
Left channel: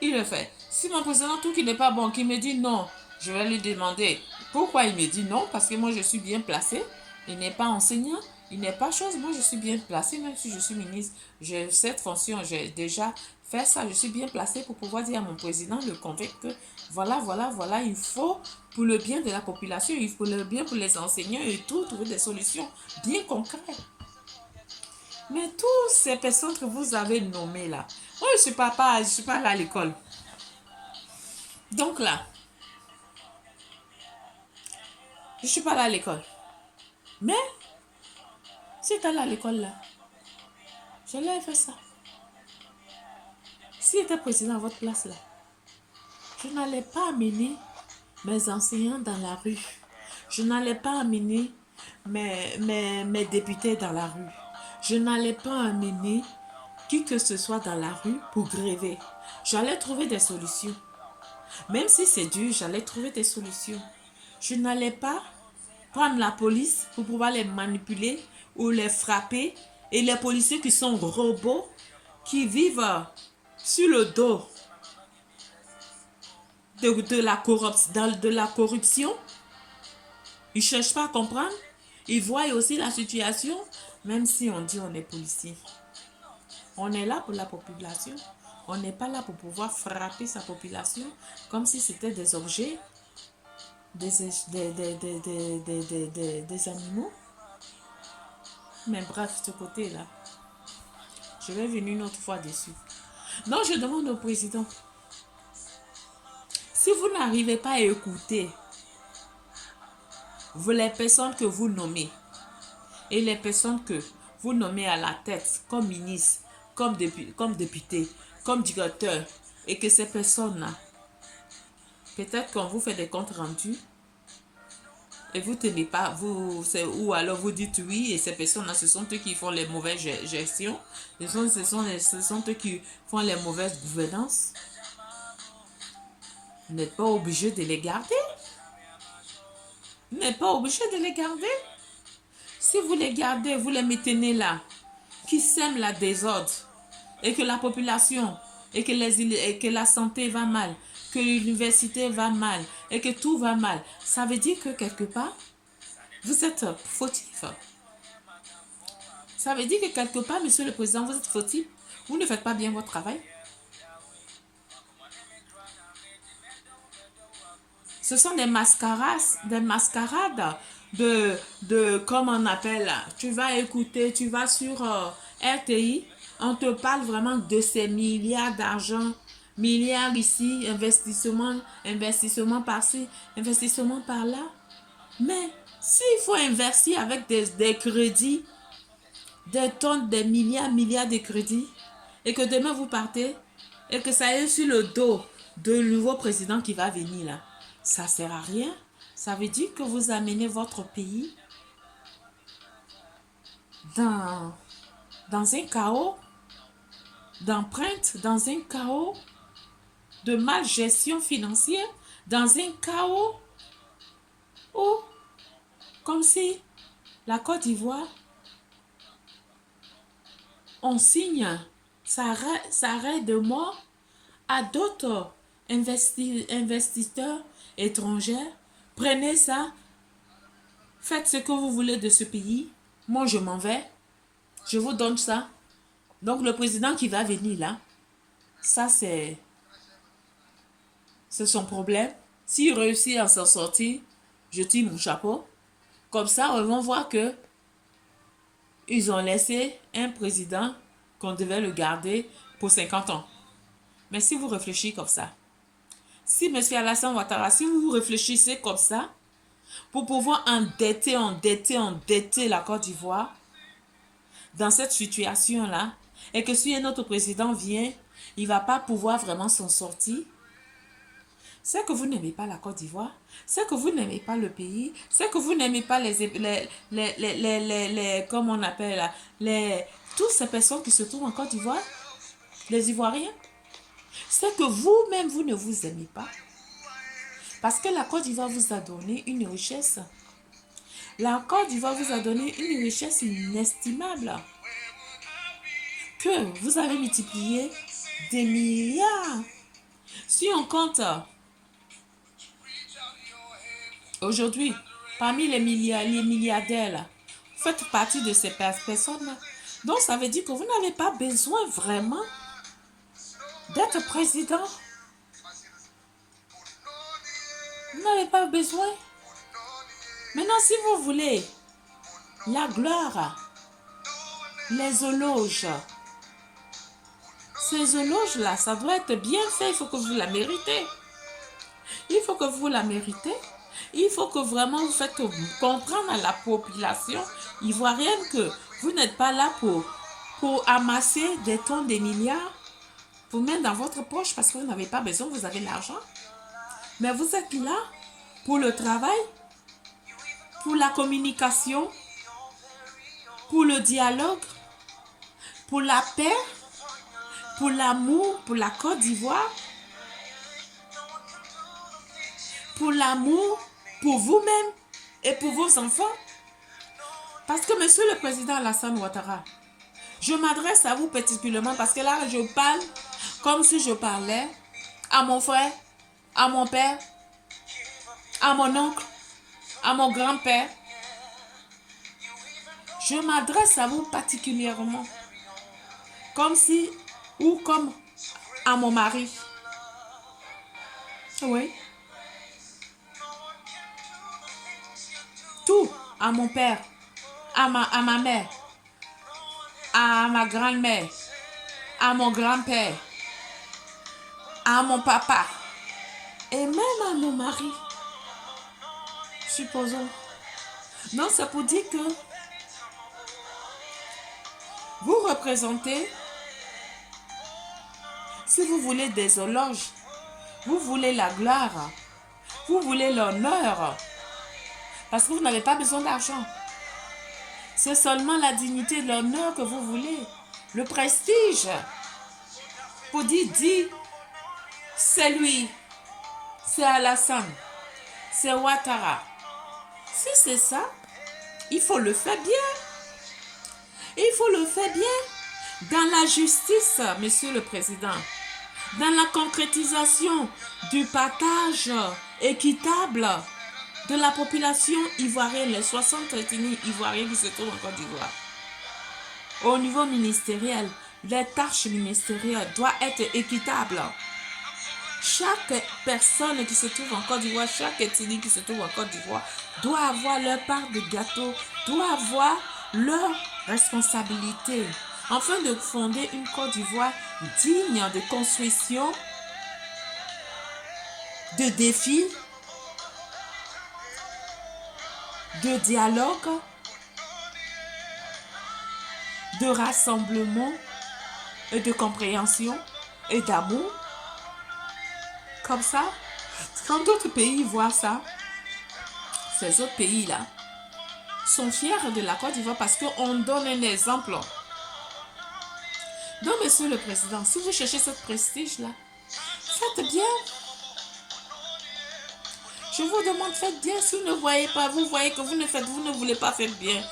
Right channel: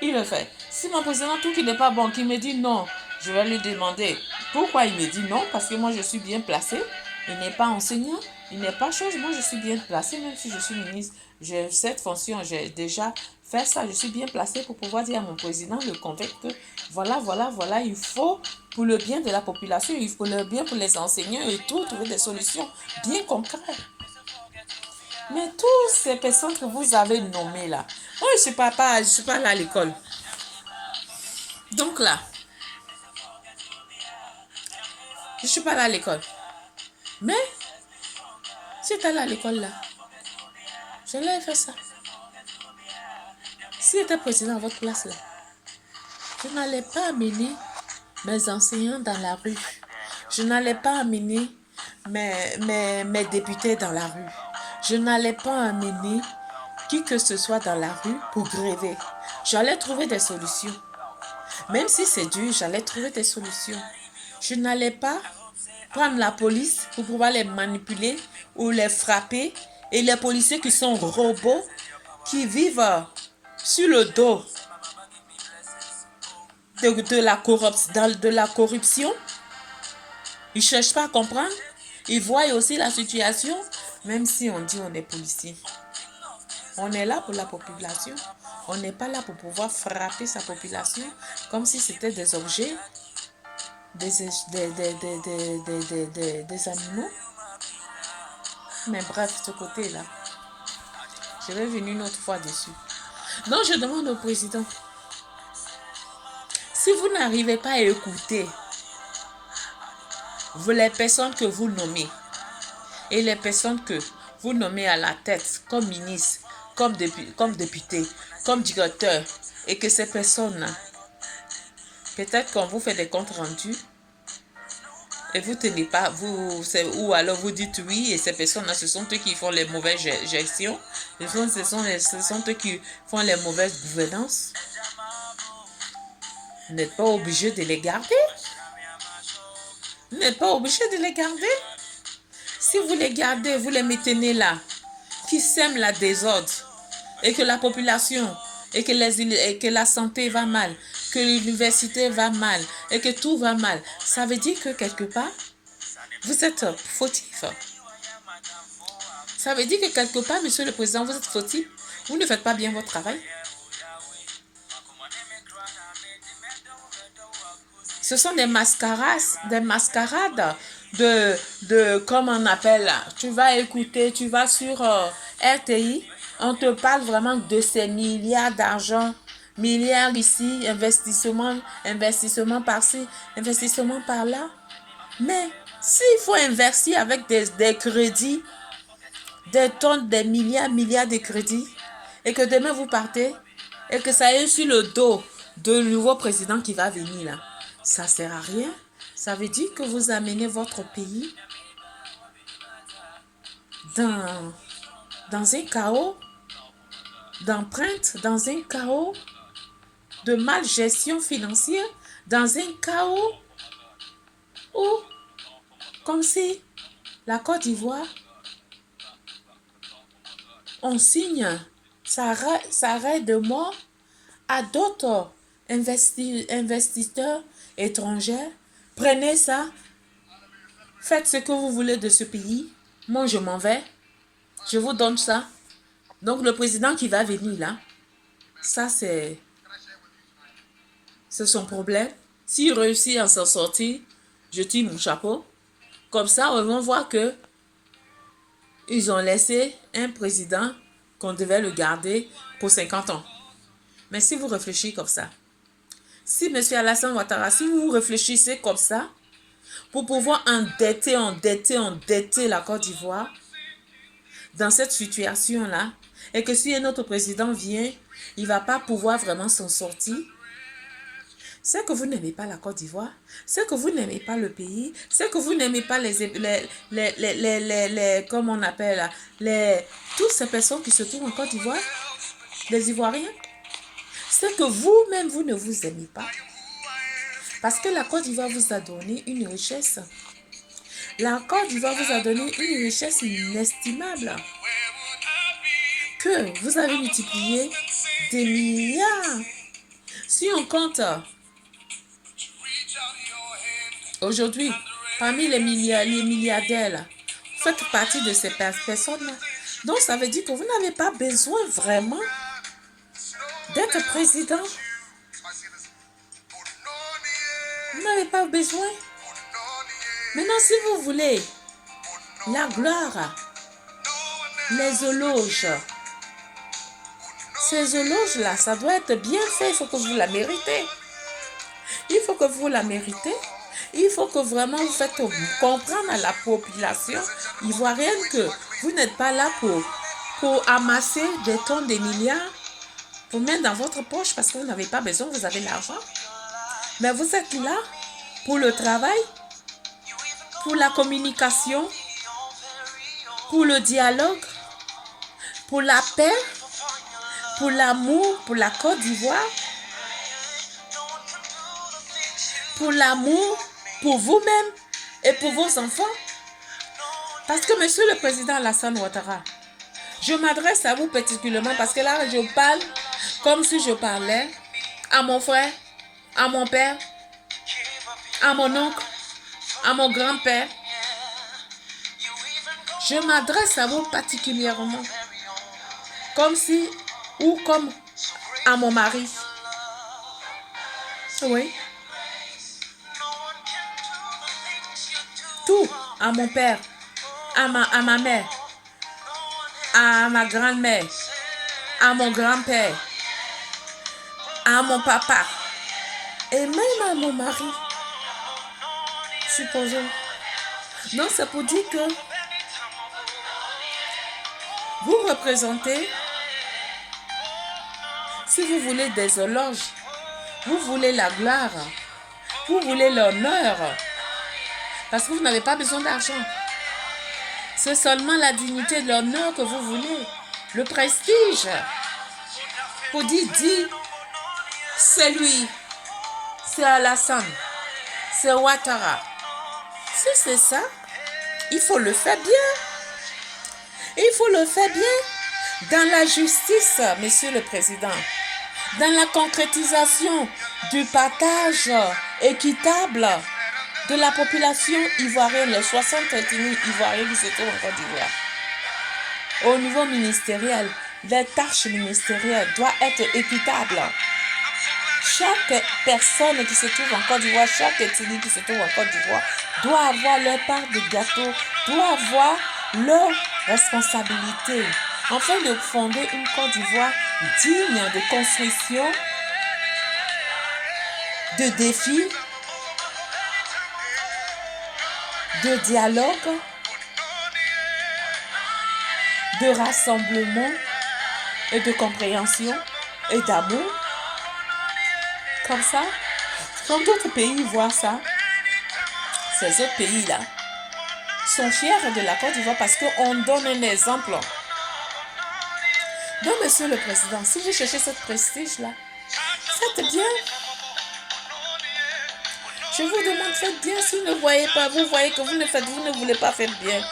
il le fait. Si mon président trouve qu'il n'est pas bon, qu'il me dit non, je vais lui demander pourquoi il me dit non, parce que moi je suis bien placée. Il n'est pas enseignant, il n'est pas chose. Moi je suis bien placée, même si je suis ministre. J'ai cette fonction, j'ai déjà fait ça. Je suis bien placée pour pouvoir dire à mon président, le convaincre que voilà, il faut pour le bien de la population, il faut le bien pour les enseignants et tout, trouver des solutions bien concrètes. Mais toutes ces personnes que vous avez nommées là, moi je suis pas là à l'école. Donc là, je suis pas là à l'école. Mais, si tu es là à l'école là, je l'ai fait ça. Si j'étais président à votre place là, je n'allais pas amener mes enseignants dans la rue. Je n'allais pas amener mes députés dans la rue. Je n'allais pas amener qui que ce soit dans la rue pour gréver. J'allais trouver des solutions. Même si c'est dur, j'allais trouver des solutions. Je n'allais pas prendre la police pour pouvoir les manipuler ou les frapper. Et les policiers qui sont robots, qui vivent sur le dos de la corruption, ils ne cherchent pas à comprendre. Ils voient aussi la situation, même si on dit on est policier. On est là pour la population. On n'est pas là pour pouvoir frapper sa population comme si c'était des objets, des animaux. Mais bref, ce côté-là, je vais venir une autre fois dessus. Donc, je demande au président, si vous n'arrivez pas à écouter les personnes que vous nommez et les personnes que vous nommez à la tête comme ministre, comme député, comme directeur, et que ces personnes-là, peut-être qu'on vous fait des comptes rendus et vous tenez pas, ou alors vous dites oui et ces personnes-là, ce sont eux qui font les mauvaises gestions, ce sont eux qui font les mauvaises gouvernances. Vous n'êtes pas obligé de les garder. Vous n'êtes pas obligé de les garder. Si vous les gardez, vous les maintenez là, qui sèment la désordre, et que la population, et que la santé va mal, que l'université va mal, et que tout va mal, ça veut dire que quelque part, vous êtes fautif. Ça veut dire que quelque part, monsieur le président, vous êtes fautif. Vous ne faites pas bien votre travail. Ce sont des mascarades comme on appelle, tu vas écouter, tu vas sur RTI, on te parle vraiment de ces milliards d'argent, milliards ici, investissement par-ci, investissement par-là. Mais s'il faut investir avec des crédits, des tonnes, des milliards de crédits, et que demain vous partez, et que ça est sur le dos de nouveau président qui va venir là, ça ne sert à rien. Ça veut dire que vous amenez votre pays dans un chaos d'empreintes, dans un chaos de malgestion financière, dans un chaos où, comme si la Côte d'Ivoire, on signe sa arrêt de mort à d'autres investisseurs étrangers. Prenez ça, faites ce que vous voulez de ce pays. Moi, je m'en vais. Je vous donne ça. Donc, le président qui va venir là, ça, c'est son problème. S'il réussit à s'en sortir, je tire mon chapeau. Comme ça, on va voir que ils ont laissé un président qu'on devait le garder pour 50 ans. Mais si vous réfléchissez comme ça, si M. Alassane Ouattara, si vous réfléchissez comme ça, pour pouvoir endetter la Côte d'Ivoire dans cette situation-là, et que si un autre président vient, il ne va pas pouvoir vraiment s'en sortir, c'est que vous n'aimez pas la Côte d'Ivoire, c'est que vous n'aimez pas le pays, c'est que vous n'aimez pas comme on appelle, toutes ces personnes qui se trouvent en Côte d'Ivoire, les Ivoiriens. c'est que vous-même, vous ne vous aimez pas. Parce que la Côte d'Ivoire vous a donné une richesse. La Côte d'Ivoire vous a donné une richesse inestimable que vous avez multiplié des milliards. Si on compte aujourd'hui, parmi les milliardaires, là, vous faites partie de ces personnes-là. Donc, ça veut dire que vous n'avez pas besoin vraiment d'être président. Vous n'avez pas besoin. Maintenant, si vous voulez la gloire, les éloges, ces éloges-là, ça doit être bien fait. Il faut que vous la méritez. Il faut que vous la méritez. Il faut que vraiment vous faites comprendre à la population ivoirienne que vous n'êtes pas là pour amasser des tonnes de milliards, pour mettre dans votre poche parce que vous n'avez pas besoin, vous avez l'argent. Mais vous êtes là pour le travail, pour la communication, pour le dialogue, pour la paix, pour l'amour, pour la Côte d'Ivoire, pour l'amour, pour vous-même et pour vos enfants. Parce que, Monsieur le Président Alassane Ouattara, je m'adresse à vous particulièrement parce que là, je parle comme si je parlais à mon frère, à mon père, à mon oncle, à mon grand-père. Je m'adresse à vous particulièrement comme si, ou comme à mon mari. Oui. Tout, à mon père, à ma mère, à ma grand-mère, à mon grand-père, à mon papa et même à mon mari, supposons. Donc, c'est pour dire que vous représentez, si vous voulez des éloges, vous voulez la gloire, vous voulez l'honneur, parce que vous n'avez pas besoin d'argent. C'est seulement la dignité, l'honneur que vous voulez, le prestige. Pour dire, c'est lui, c'est Alassane, c'est Ouattara. Si c'est ça, il faut le faire bien. Il faut le faire bien dans la justice, Monsieur le Président, dans la concrétisation du partage équitable de la population ivoirienne, les 60 ethnies ivoiriennes qui se trouvent en Côte d'Ivoire. Au niveau ministériel, les tâches ministérielles doivent être équitables. Chaque personne qui se trouve en Côte d'Ivoire, chaque ethnie qui se trouve en Côte d'Ivoire doit avoir leur part de gâteau, doit avoir leur responsabilité, afin de fonder une Côte d'Ivoire digne de construction, de défis, de dialogue, de rassemblement et de compréhension et d'amour. Comme ça, quand d'autres pays voient ça, ces autres pays-là sont fiers de la Côte d'Ivoire parce qu'on donne un exemple. Donc, Monsieur le Président, si vous cherchez ce prestige-là, faites bien. Je vous demande, faites bien. Si vous ne voyez pas, vous voyez que vous ne voulez pas faire bien.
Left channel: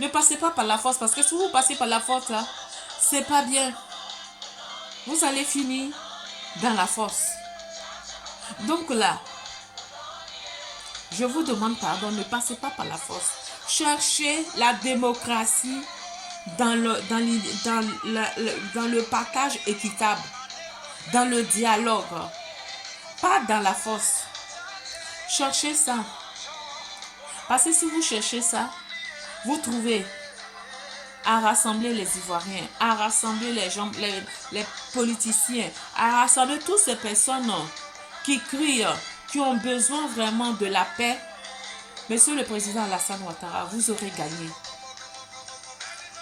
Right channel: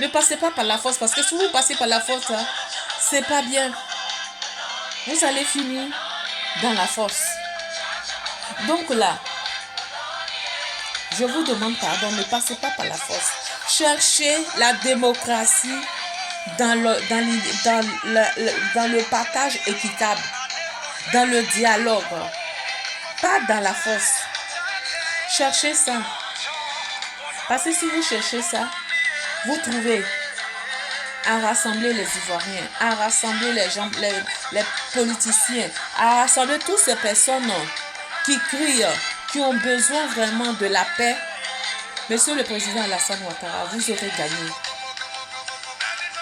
Ne passez pas par la force, parce que si vous passez par la force, c'est pas bien. Vous allez finir dans la force. Donc là, je vous demande pardon, ne passez pas par la force. Cherchez la démocratie dans le partage équitable, dans le dialogue, pas dans la force. Cherchez ça. Parce que si vous cherchez ça, vous trouvez à rassembler les Ivoiriens, à rassembler les gens, les politiciens, à rassembler toutes ces personnes qui crient, qui ont besoin vraiment de la paix. Monsieur le Président Alassane Ouattara, vous aurez gagné.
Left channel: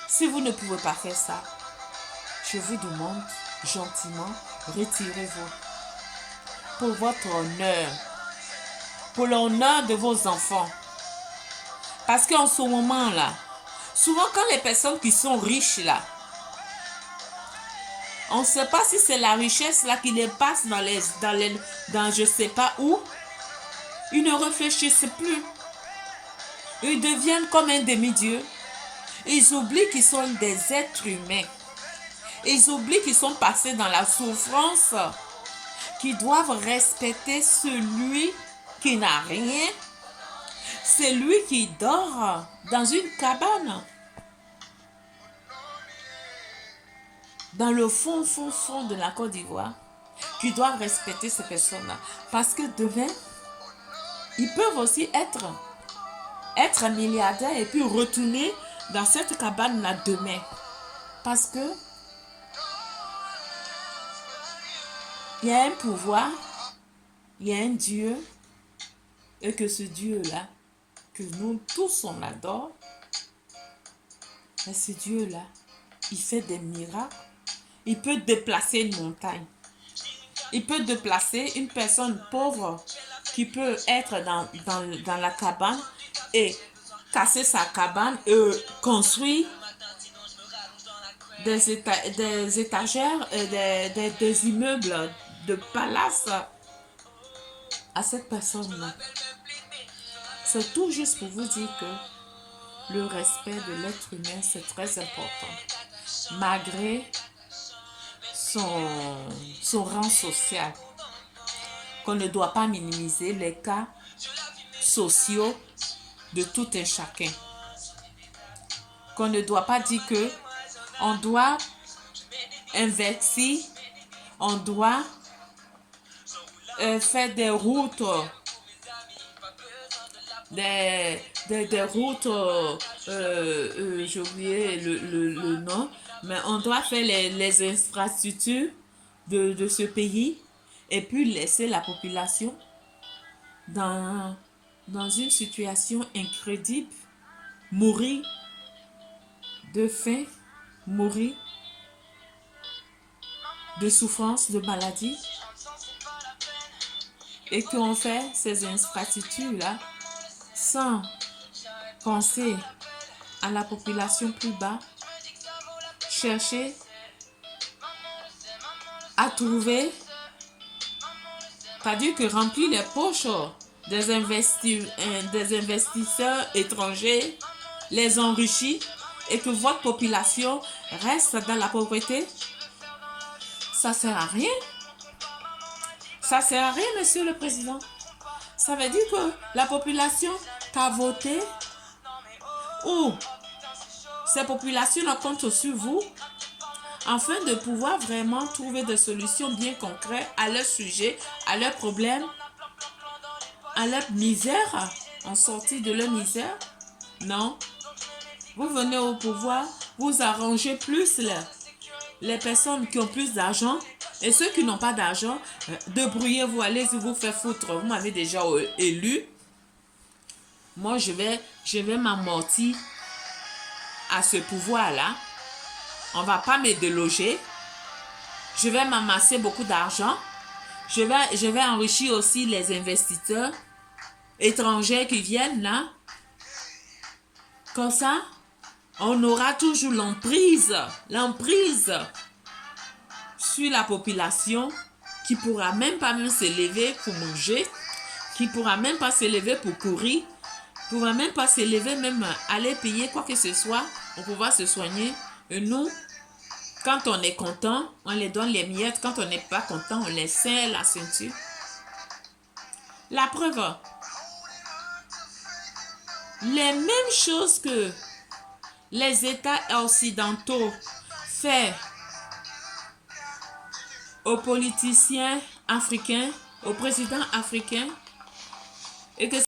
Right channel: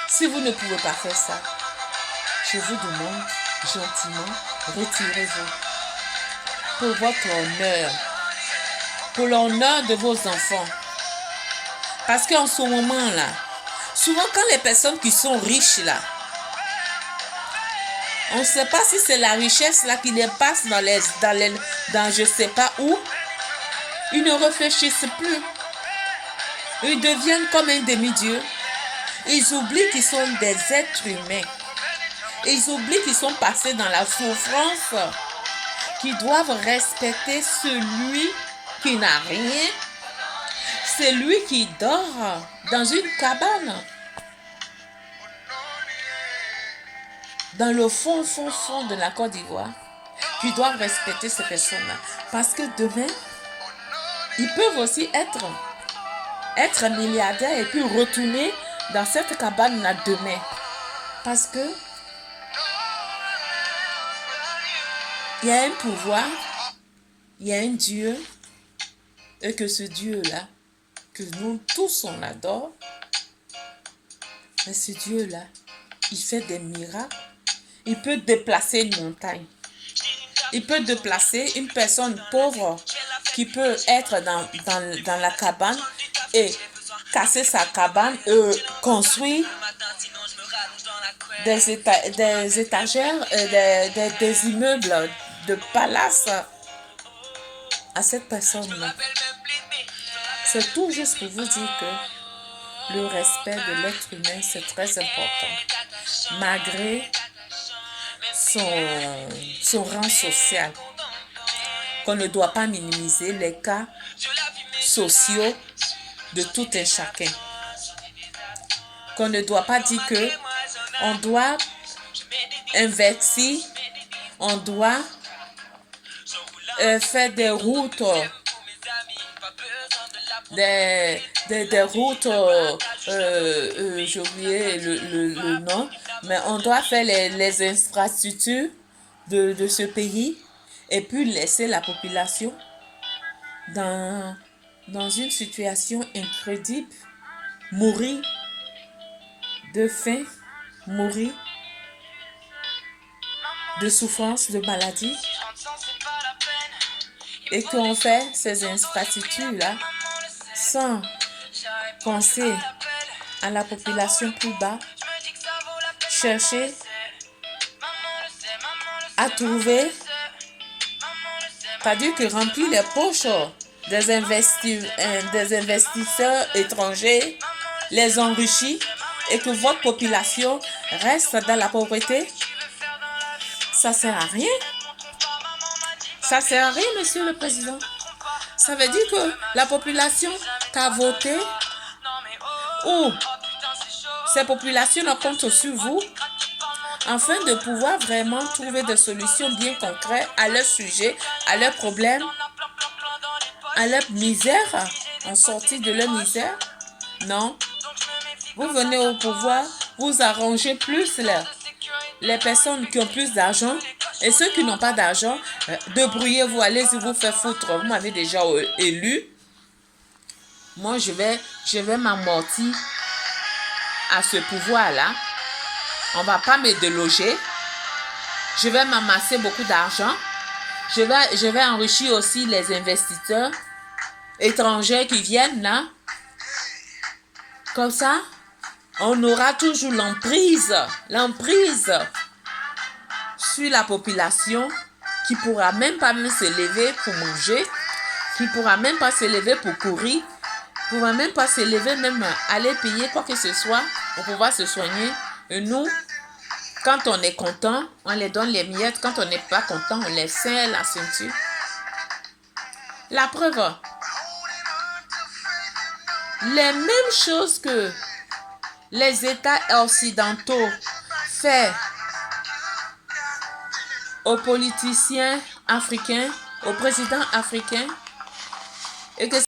Si vous ne pouvez pas faire ça, je vous demande gentiment, retirez-vous. Pour votre honneur, pour l'honneur de vos enfants. Parce qu'en ce moment-là, souvent quand les personnes qui sont riches là, On ne sait pas si c'est la richesse là qui les passe dans je ne sais pas où. Ils ne réfléchissent plus. Ils deviennent comme un demi-dieu. Ils oublient qu'ils sont des êtres humains. Ils oublient qu'ils sont passés dans la souffrance, qu'ils doivent respecter celui qui n'a rien, celui qui dort dans une cabane, dans le fond de la Côte d'Ivoire, qu'ils doivent respecter ces personnes-là. Parce que demain, ils peuvent aussi être milliardaires et puis retourner dans cette cabane-là demain. Parce que il y a un pouvoir, il y a un Dieu, et que ce Dieu-là, que nous tous on adore, mais ce Dieu-là, il fait des miracles. Il peut déplacer une montagne. Il peut déplacer une personne pauvre qui peut être dans la cabane et casser sa cabane et construire des étagères, des immeubles de palace à cette personne-là. C'est tout juste pour vous dire que le respect de l'être humain, c'est très important. Malgré son rang social, qu'on ne doit pas minimiser les cas sociaux de tout un chacun. Qu'on ne doit pas dire que on doit investir, on doit faire des routes, des routes, j'ai oublié le nom, mais on doit faire les infrastructures de ce pays et puis laisser la population dans une situation incroyable, mourir de faim, mourir de souffrance, de maladie, et qu'on fait ces infrastructures-là sans penser à la population plus bas, chercher à trouver, pas dire que remplir les poches des investisseurs étrangers, les enrichir, et que votre population reste dans la pauvreté. Ça sert à rien. Ça sert à rien, Monsieur le Président. Ça veut dire que la population t'a voté ou ces populations comptent sur vous afin de pouvoir vraiment trouver des solutions bien concrètes à leurs sujets, à leurs problèmes, à leur misère, en sortie de leur misère. Non. Vous venez au pouvoir, vous arrangez plus les personnes qui ont plus d'argent et ceux qui n'ont pas d'argent, débrouillez-vous, allez-y vous faire foutre. Vous m'avez déjà élu. Moi, je vais m'amortir à ce pouvoir-là. On ne va pas me déloger. Je vais m'amasser beaucoup d'argent. Je vais enrichir aussi les investisseurs étrangers qui viennent là. Comme ça, on aura toujours l'emprise sur la population qui ne pourra même pas se lever pour manger, qui ne pourra même pas se lever pour courir, qui ne pourra même pas se lever, même aller payer quoi que ce soit pour pouvoir se soigner. Et nous, quand on est content, on les donne les miettes. Quand on n'est pas content, on les serre la ceinture. La preuve, les mêmes choses que les États occidentaux font aux politiciens africains, aux présidents africains, et que